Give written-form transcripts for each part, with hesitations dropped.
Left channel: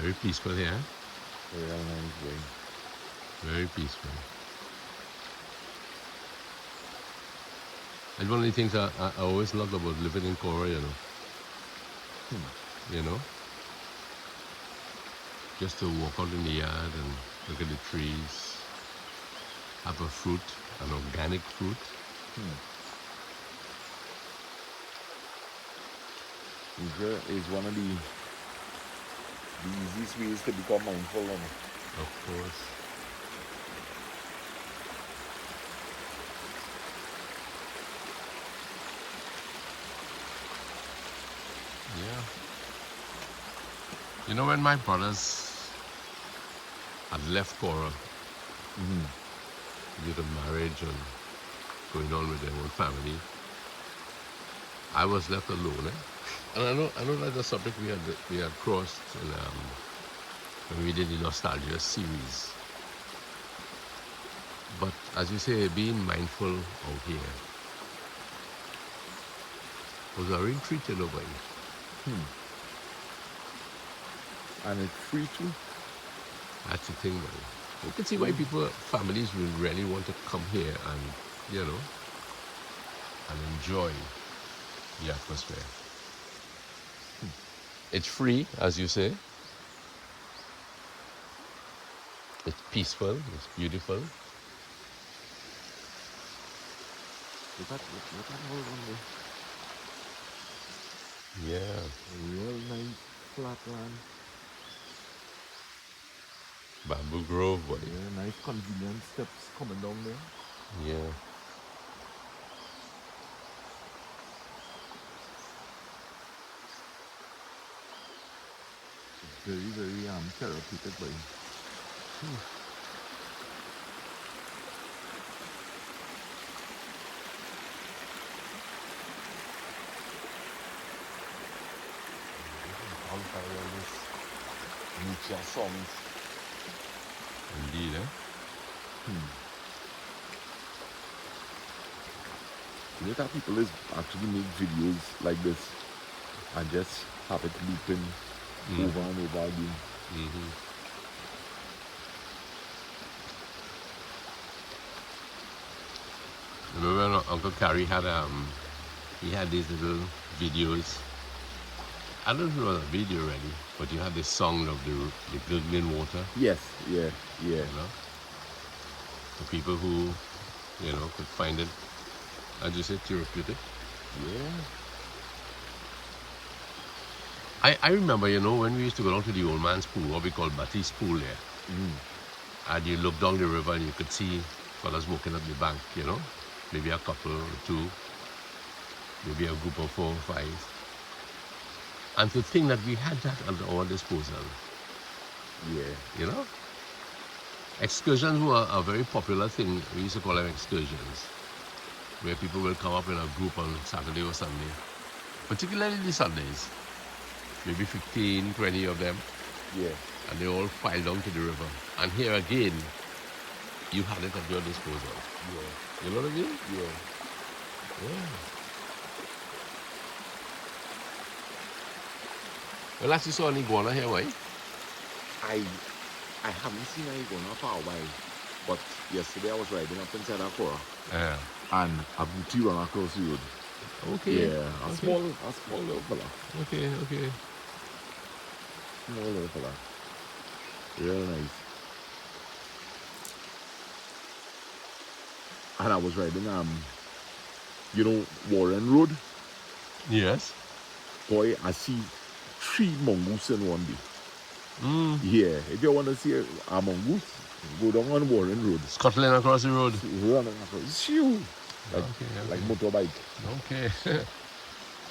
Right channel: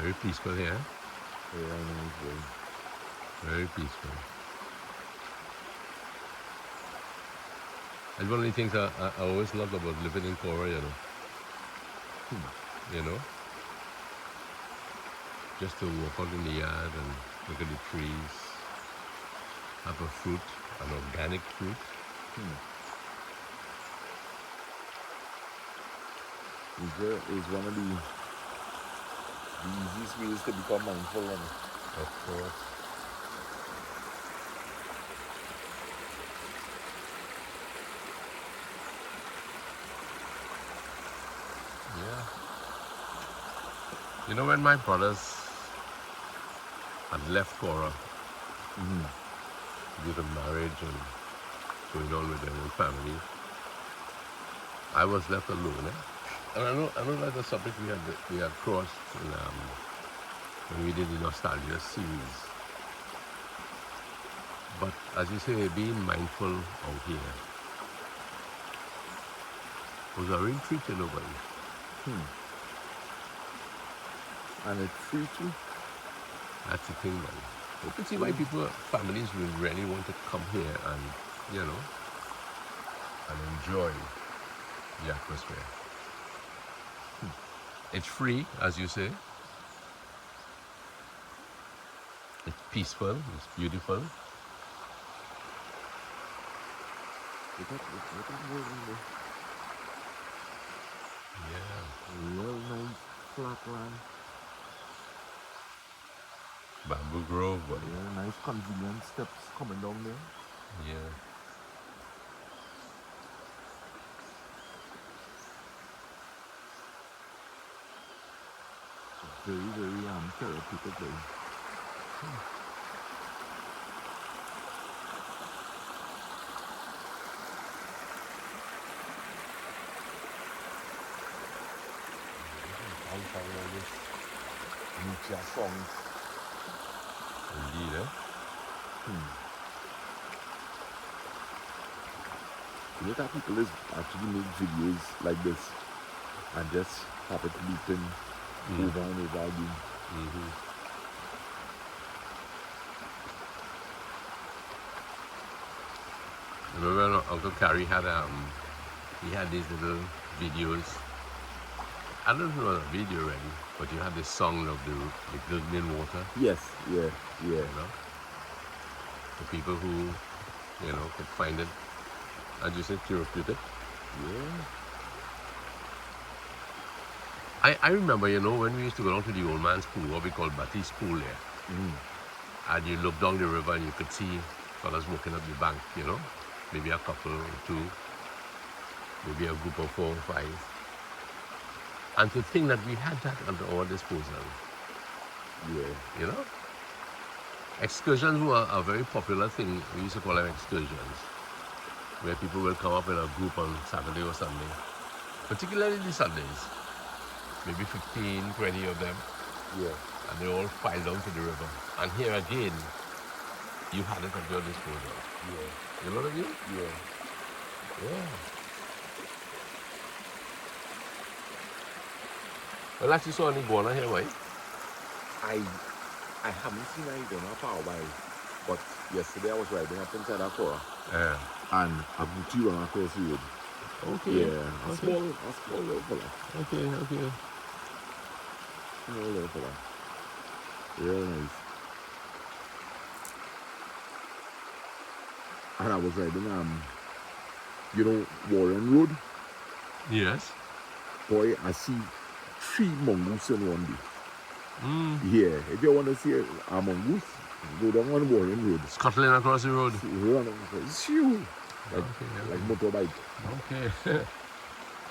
Very peaceful here. Very nice, very. Very peaceful. And one of the things I always loved about living in Cora, you know. You know? Just to walk out in the yard and look at the trees, have a fruit, an organic fruit. Is one of the easiest ways to become mindful. And Of course. Yeah. You know, when my brothers had left Cora due to marriage and going on with their own family, I was left alone. And I know that's a subject we had crossed in when we did the Nostalgia series. But as you say, being mindful out here was a real treat, you know, boy. And it's free too. That's the thing, man. You can see why families will really want to come here and, you know, and enjoy the atmosphere. It's free, as you say. It's peaceful, it's beautiful. What is all in there? Yeah. Real nice flat land. Bamboo Grove, boy. Yeah, nice convenient steps coming down there. Yeah. Very, very therapeutic place. Nature songs. Indeed, eh? You know that people is actually make videos like this and just have it looping over and over again. Remember when Uncle Carrie had he had these little videos. I don't know the video already, but you had the song of the gurgling water. Yes, yeah. You know, for people who, you know, could find it, as you said, therapeutic. Yeah. I remember, you know, when we used to go down to the old man's pool, what we call Batty's pool there, and you look down the river and you could see fellas walking up the bank, you know, maybe a couple or two, maybe a group of 4 or 5. And to think that we had that at our disposal. Yeah. You know? Excursions were a very popular thing. We used to call them excursions, where people will come up in a group on Saturday or Sunday, particularly the Sundays. Maybe 15, 20 of them. Yeah. And they all file down to the river. And here again, you had it at your disposal. Yeah. You know what I mean? Yeah. Yeah. Well, actually saw an iguana here, right? I haven't seen an iguana for a while, but yesterday I was riding up inside that car Yeah. and a booty ran across the road. Okay. Yeah, a small little fella. Okay. Small little fella. Real nice. And I was riding you know, Warren Road. Yes. Boy, I see 3 mongoose in one day. Yeah, if you want to see a mongoose, go down on Warren Road. Scuttling across the road. Running across. Shoo! Like motorbike. Okay.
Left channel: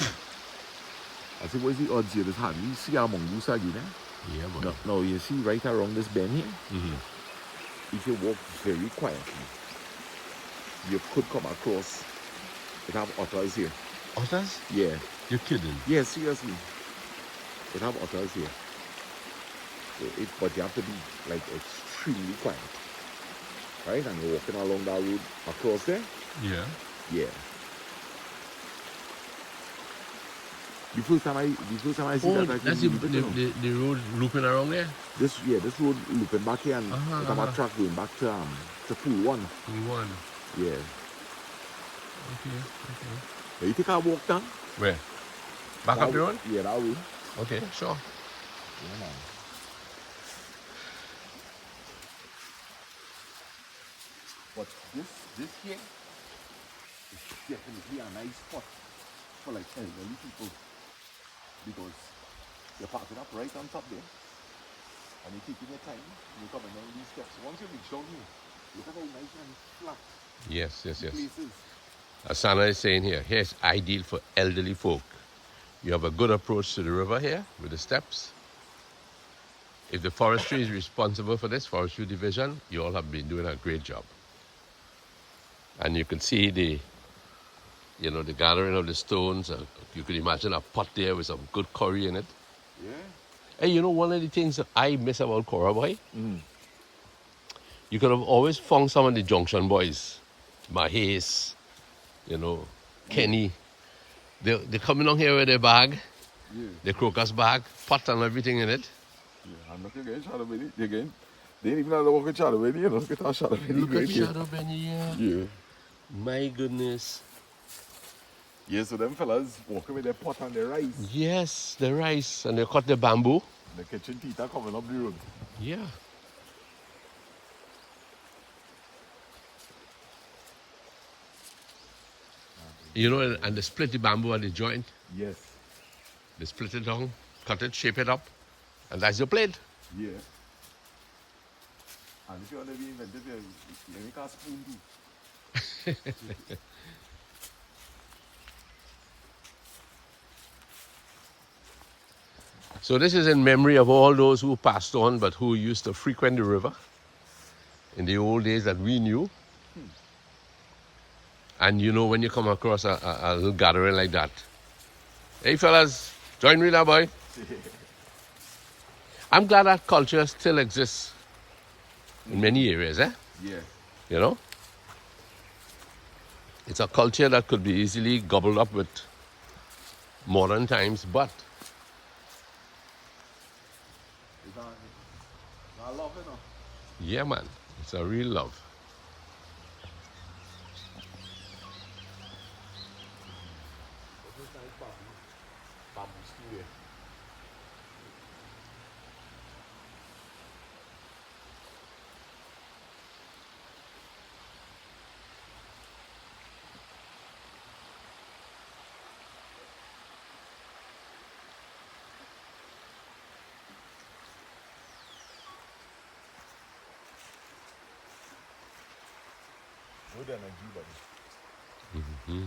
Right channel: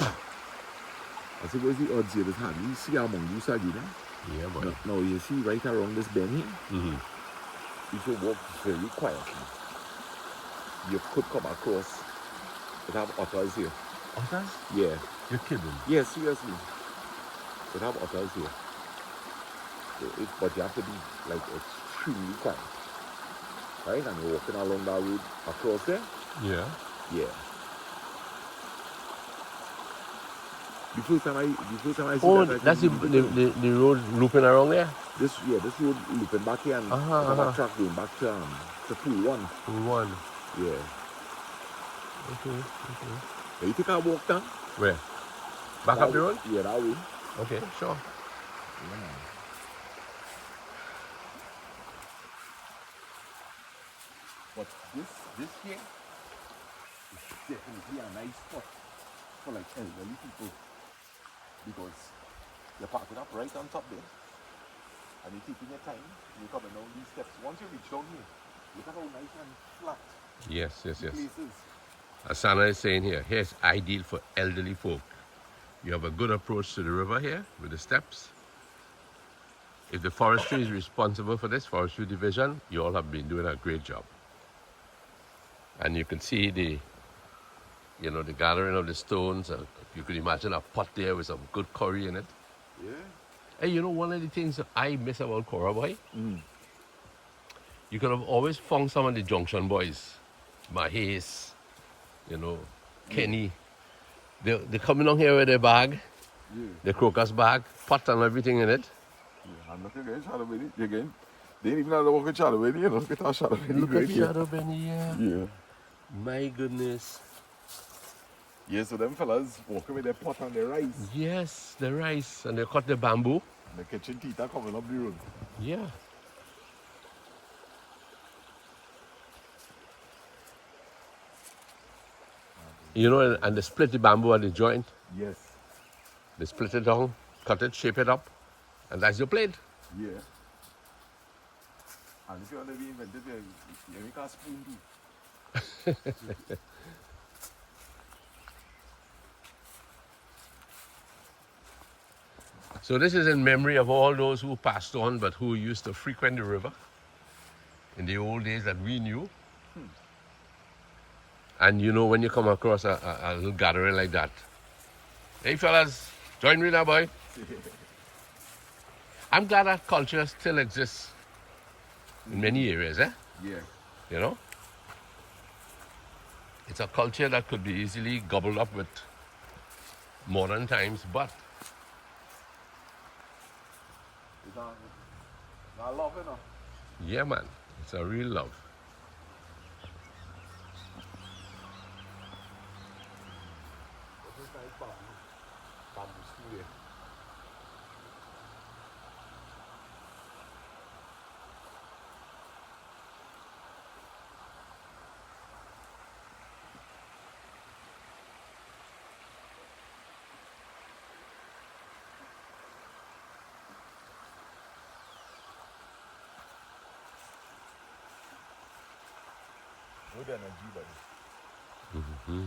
I say, what's the odds here that have you see a mongoose again? Yeah, boy. Now you see right around this bend here, if you walk very quietly, you could come across, it have otters here. Otters? Yeah. You're kidding? Yeah, seriously. It have otters here. But you have to be like extremely quiet. Right? And you're walking along that road across there. Yeah. Yeah. The first time I see Oh, that, I that's think really different. the road looping around there? This road looping back here and it's a back track going back to Pool 1. Pool 1. Yeah. Okay. Now you take a walk down? Where? Back up the road? Yeah, that way. Okay, sure. Yeah, man. But this here is definitely a nice spot for like elderly people because you're parking up right on top there and you're taking your time, you're coming down these steps. Once you reach down here, look at how nice and flat Yes. the place is. As Sana is saying here it's ideal for elderly folk. You have a good approach to the river here with the steps. If the forestry is responsible for this, forestry division, you all have been doing a great job. And you can see the gathering of the stones. You could imagine a pot there with some good curry in it. Yeah. Hey, one of the things that I miss about Cora Boy, you could have always found some of the Junction boys, Mahes, Kenny. They're coming on here with their bag, the crocus bag, pot and everything in it. Yeah, I'm not again Shadow Benny again. They ain't even have to walk with Shadow Benny, Look at our Shadow Benny. Look at Shadow Benny here. Yeah. My goodness. Yeah, so them fellas walking with their pot and their rice. Yes, the rice. And they cut the bamboo. And the kitchen tita coming up the road. Yeah. And they split the bamboo at the joint. Yes. They split it down, cut it, shape it up, and that's your plate. Yeah. And if you want to be inventive, you make a spoon too. So this is in memory of all those who passed on but who used to frequent the river in the old days that we knew. And when you come across a little gathering like that, hey fellas, join me now, boy. I'm glad that culture still exists in many areas, Yeah. It's a culture that could be easily gobbled up with modern times, but It's a love, yeah, man, it's a real love. This is nice bamboo stool there. Good energy, buddy. Mm-hmm.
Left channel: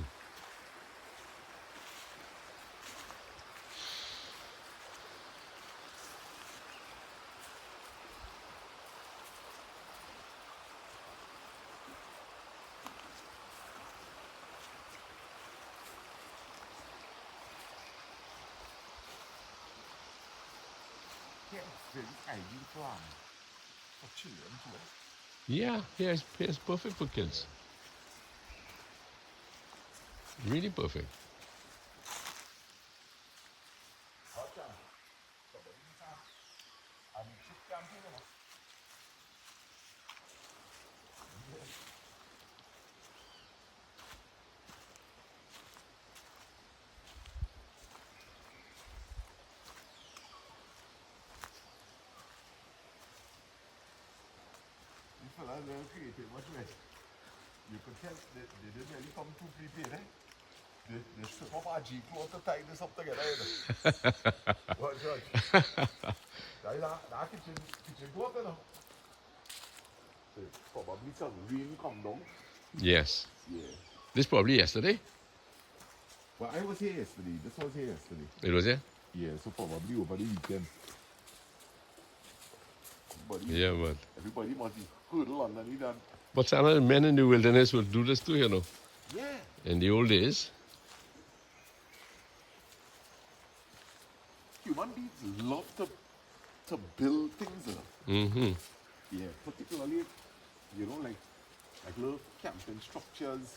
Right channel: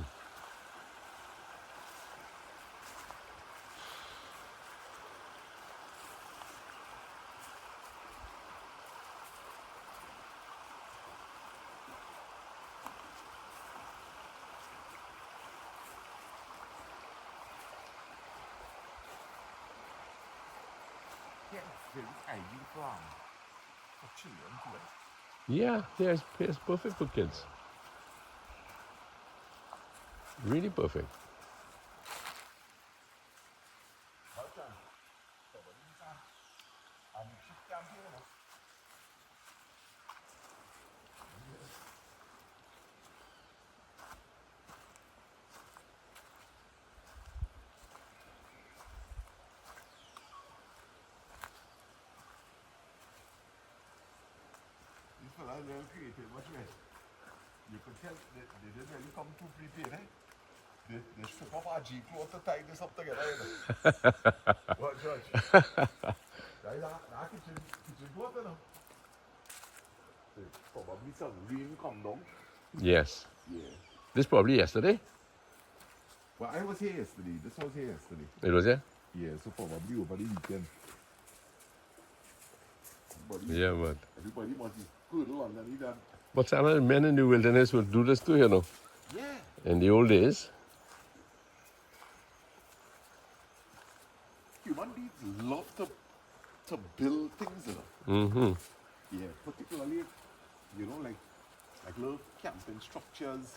Yeah, very ideal for children too. Yeah, it's perfect for kids. Really perfect. These fellas are creative, much less. You could tell they didn't really come too prepared, They strip off our G clothes to tie this up together, What, George? That kitchen cloth, So probably some rain come down. Yes. Yeah. This probably yesterday. Well, I was here yesterday. This was here yesterday. It was here? Yeah, so probably over the weekend. Yeah, but Everybody must be hurdle underneath that. But some of the men in the wilderness would do this too, Yeah. in the old days. Human beings love to build things, Mm-hmm. Yeah, particularly, like little camping structures.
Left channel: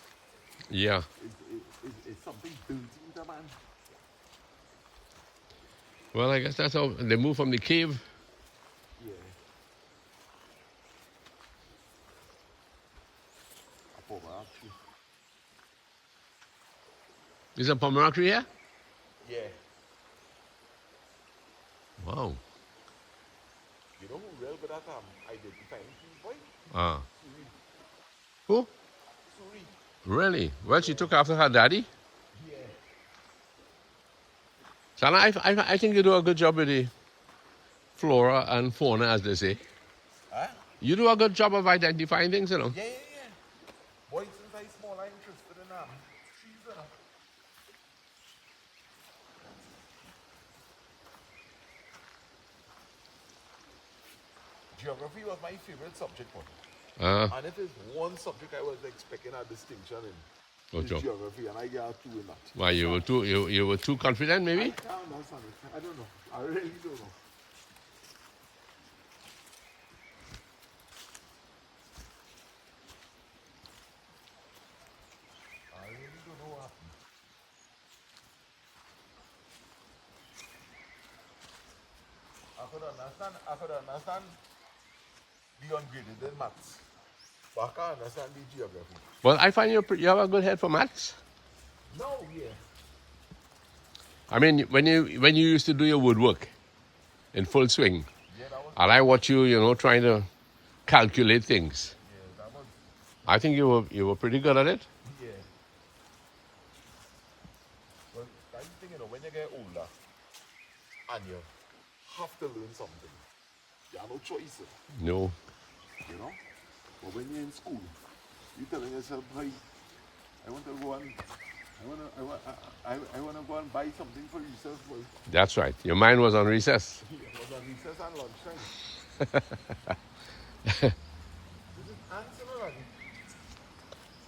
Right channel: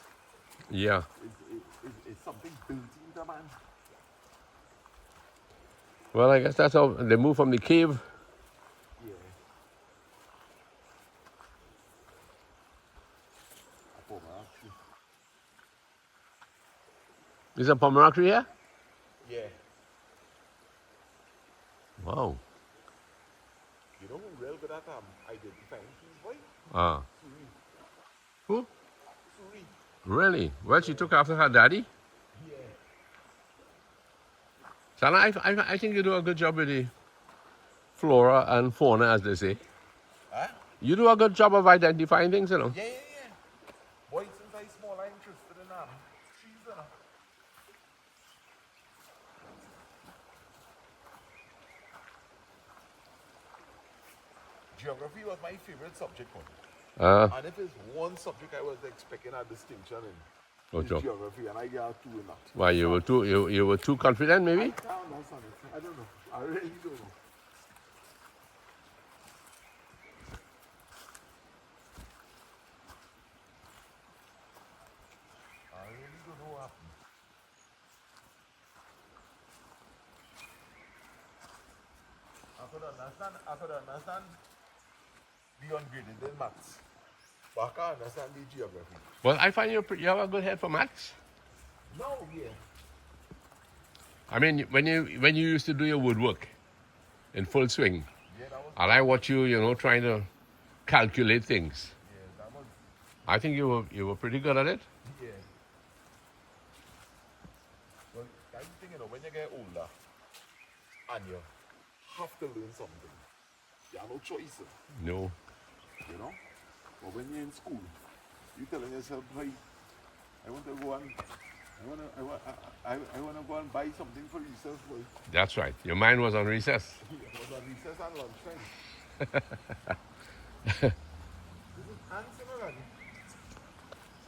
Yeah. It's something built into man. Well, I guess that's how they moved from the cave. Yeah. A pomegranate tree. Is a pomegranate tree here? Yeah. Wow. You know who real good at identifying trees, boy? Ah. Suri. Who? Suri. Really? Well, she took after her daddy. Yeah. Sana, I think you do a good job with the flora and fauna, as they say. Huh? You do a good job of identifying things, you know. Yeah, yeah, yeah. Boy, since I small, I'm interested in trees, you know. Geography was my favorite subject, boy. And if it's one subject I was expecting a distinction in, Oh, it's Joe. geography, and I got two in that. Why you were too you were too confident, I maybe? can't understand it. I don't know. I really don't know. I really don't know what happened. I could understand the ungraded in maths, but I can't understand the geography. Well, I find you have a good head for maths. No, yeah. I mean, when you used to do your woodwork in full swing, Yeah, that was, and I watch you, trying to calculate things. yeah, that was, I think you were pretty good at it. yeah. Well, that's the thing, when you get older, and you have to learn something, you have no choice, No. you know? But when you're in school, you're telling yourself, hey, I want to go and I want to go and buy something for yourself, boy. That's right. Your mind was on recess. It was on recess and lunchtime. This is ants already.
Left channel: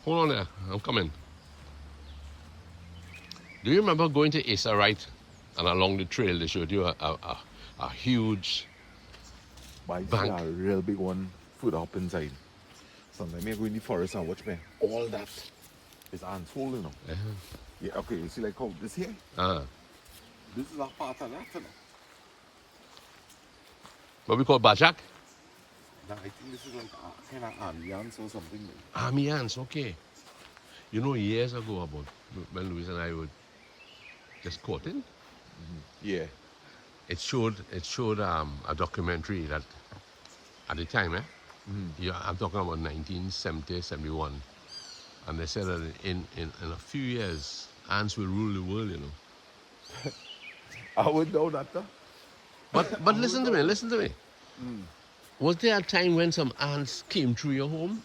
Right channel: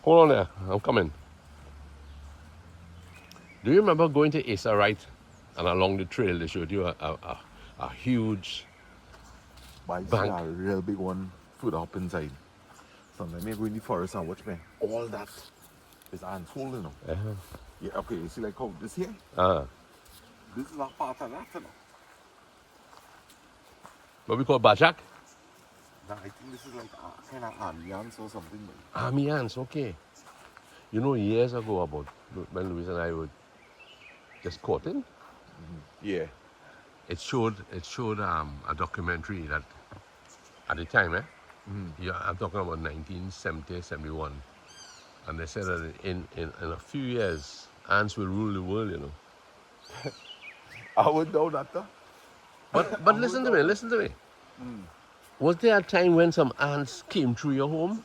Hold on there. I'm coming. Do you remember going to Asa Right and along the trail they showed you a huge But bank? a real big one put up inside. Sometimes you go in the forest and watch me. All that is ants hole, you know. Uh-huh. Yeah, okay, you see like how this here? Uh-huh. This is a part of that, you know. What we call Bajak? Now, I think this is like a kind of army ants or something. Like. Army ants, okay. Years ago about when Louise and I were just courting, Yeah. it showed a documentary that at the time, yeah, I'm talking about 1970, 71. And they said that in a few years, ants will rule the world, I would know that, though. But listen to me. Was there a time when some ants came through your home?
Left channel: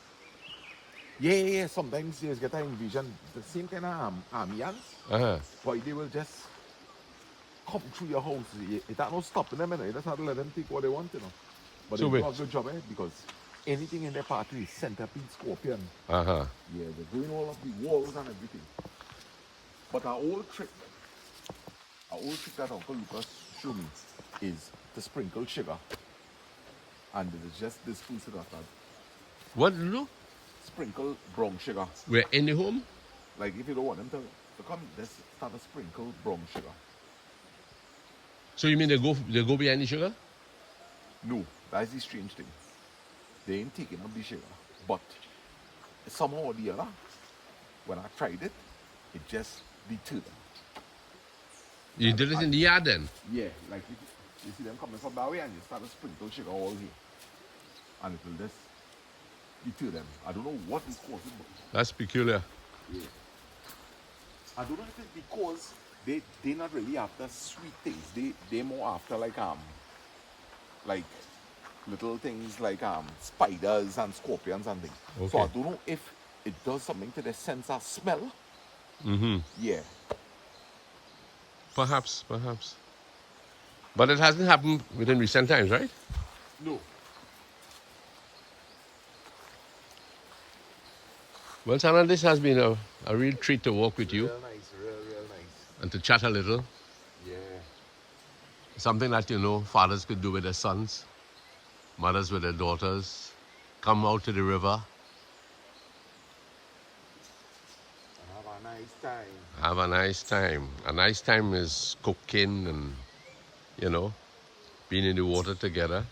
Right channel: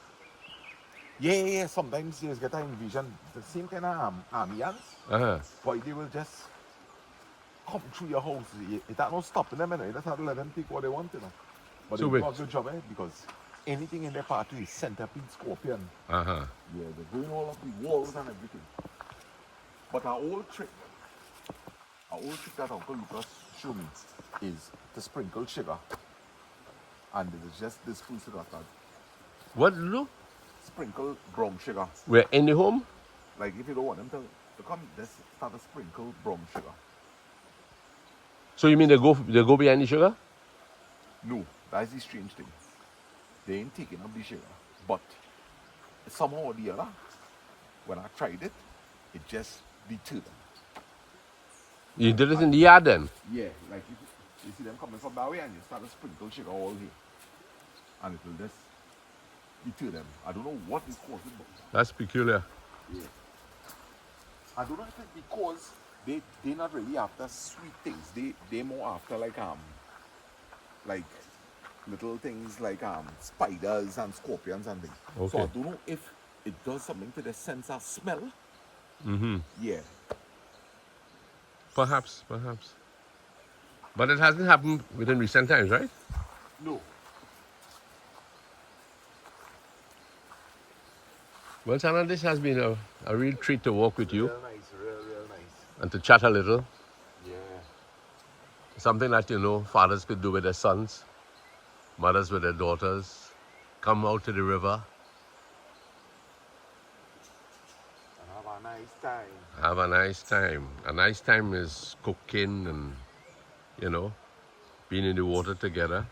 Yeah. Sometimes you get a vision, the same kind of army ants. Uh-huh. But they will just come through your house. It not stopping them, you know. You just have to let them take what they want, you know. But So they do wait. a good job, because anything in their pathway is centipede, scorpion. Uh-huh. Yeah, they're doing all of the walls and everything. But our old trick that Uncle Lucas showed me is to sprinkle sugar. And it is just this food that What to do? sprinkle brown sugar. We're in the home? Like if you don't want them to come, just start to sprinkle brown sugar. So you mean they go behind the sugar? No, that's the strange thing. They ain't taking up the sugar. But somehow or the other, when I tried it, it just deterred them. You did it in the yard then? Yeah, like you see them coming from that way and you start to sprinkle sugar all here. And it will just deter them. I don't know what is causing it. That's peculiar. Yeah. I don't know if it's because they're not really after sweet things. They're more after like little things like spiders and scorpions and things. Okay. So I don't know if it does something to their sense of smell. Mm-hmm. Yeah. Perhaps. But it hasn't happened within recent times, right? No. Well, Sana, this has been a real treat to walk with you Real nice, real nice. and to chat a little. Yeah. Something that, fathers could do with their sons, mothers with their daughters. Come out to the river, Have a nice time. have a nice time. A nice time is cooking and you know, being in the water together,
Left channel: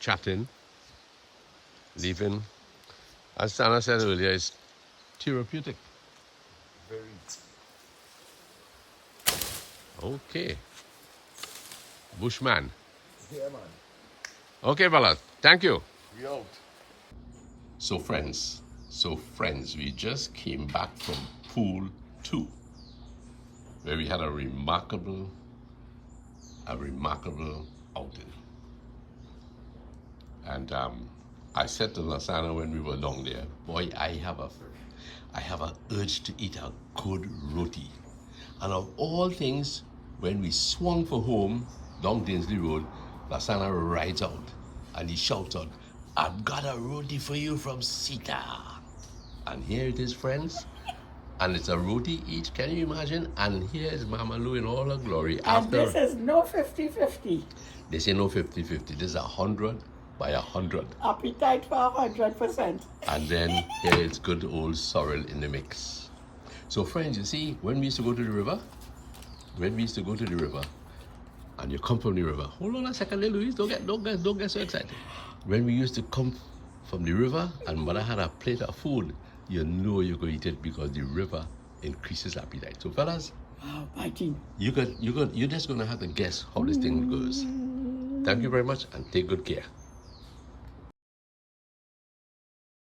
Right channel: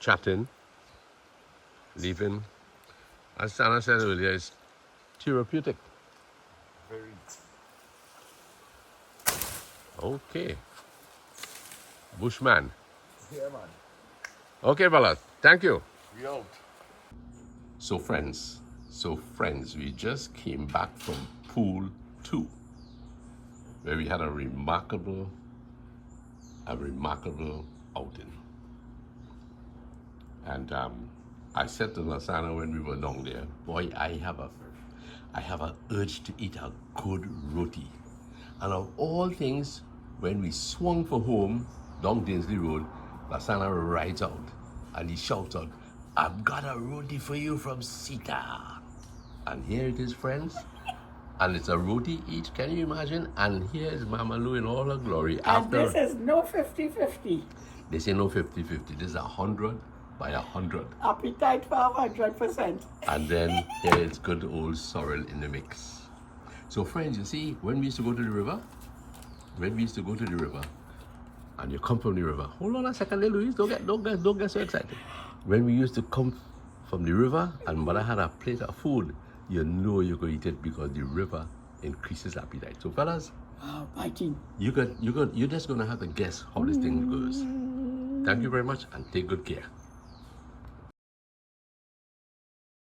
chatting, leaving. As Sana said earlier, it's therapeutic. Very. Okay. Bushman. Yeah, man. Okay, fellas. Thank you. We out. So friends, we just came back from pool 2, where we had a remarkable outing. And I said to Lasana when we were down there, boy, I have a urge to eat a good roti. And of all things, when we swung for home down Dainsley Road, Lasana rides out and he shouts out, "I've got a roti for you from Sita." And here it is, friends. And it's a roti each, can you imagine? And here's Mama Lou in all her glory. And this is no 50-50. They say no 50-50. This is 100 by 100. Appetite for 100%. And then here is good old sorrel in the mix. So friends, you see, when we used to go to the river, and you come from the river, hold on a second there, Louise, don't get so excited. When we used to come from the river and mother had a plate of food, you know you could eat it because the river increases appetite. So fellas, Biting. you're just gonna have to guess how this thing goes. Thank you very much and take good care.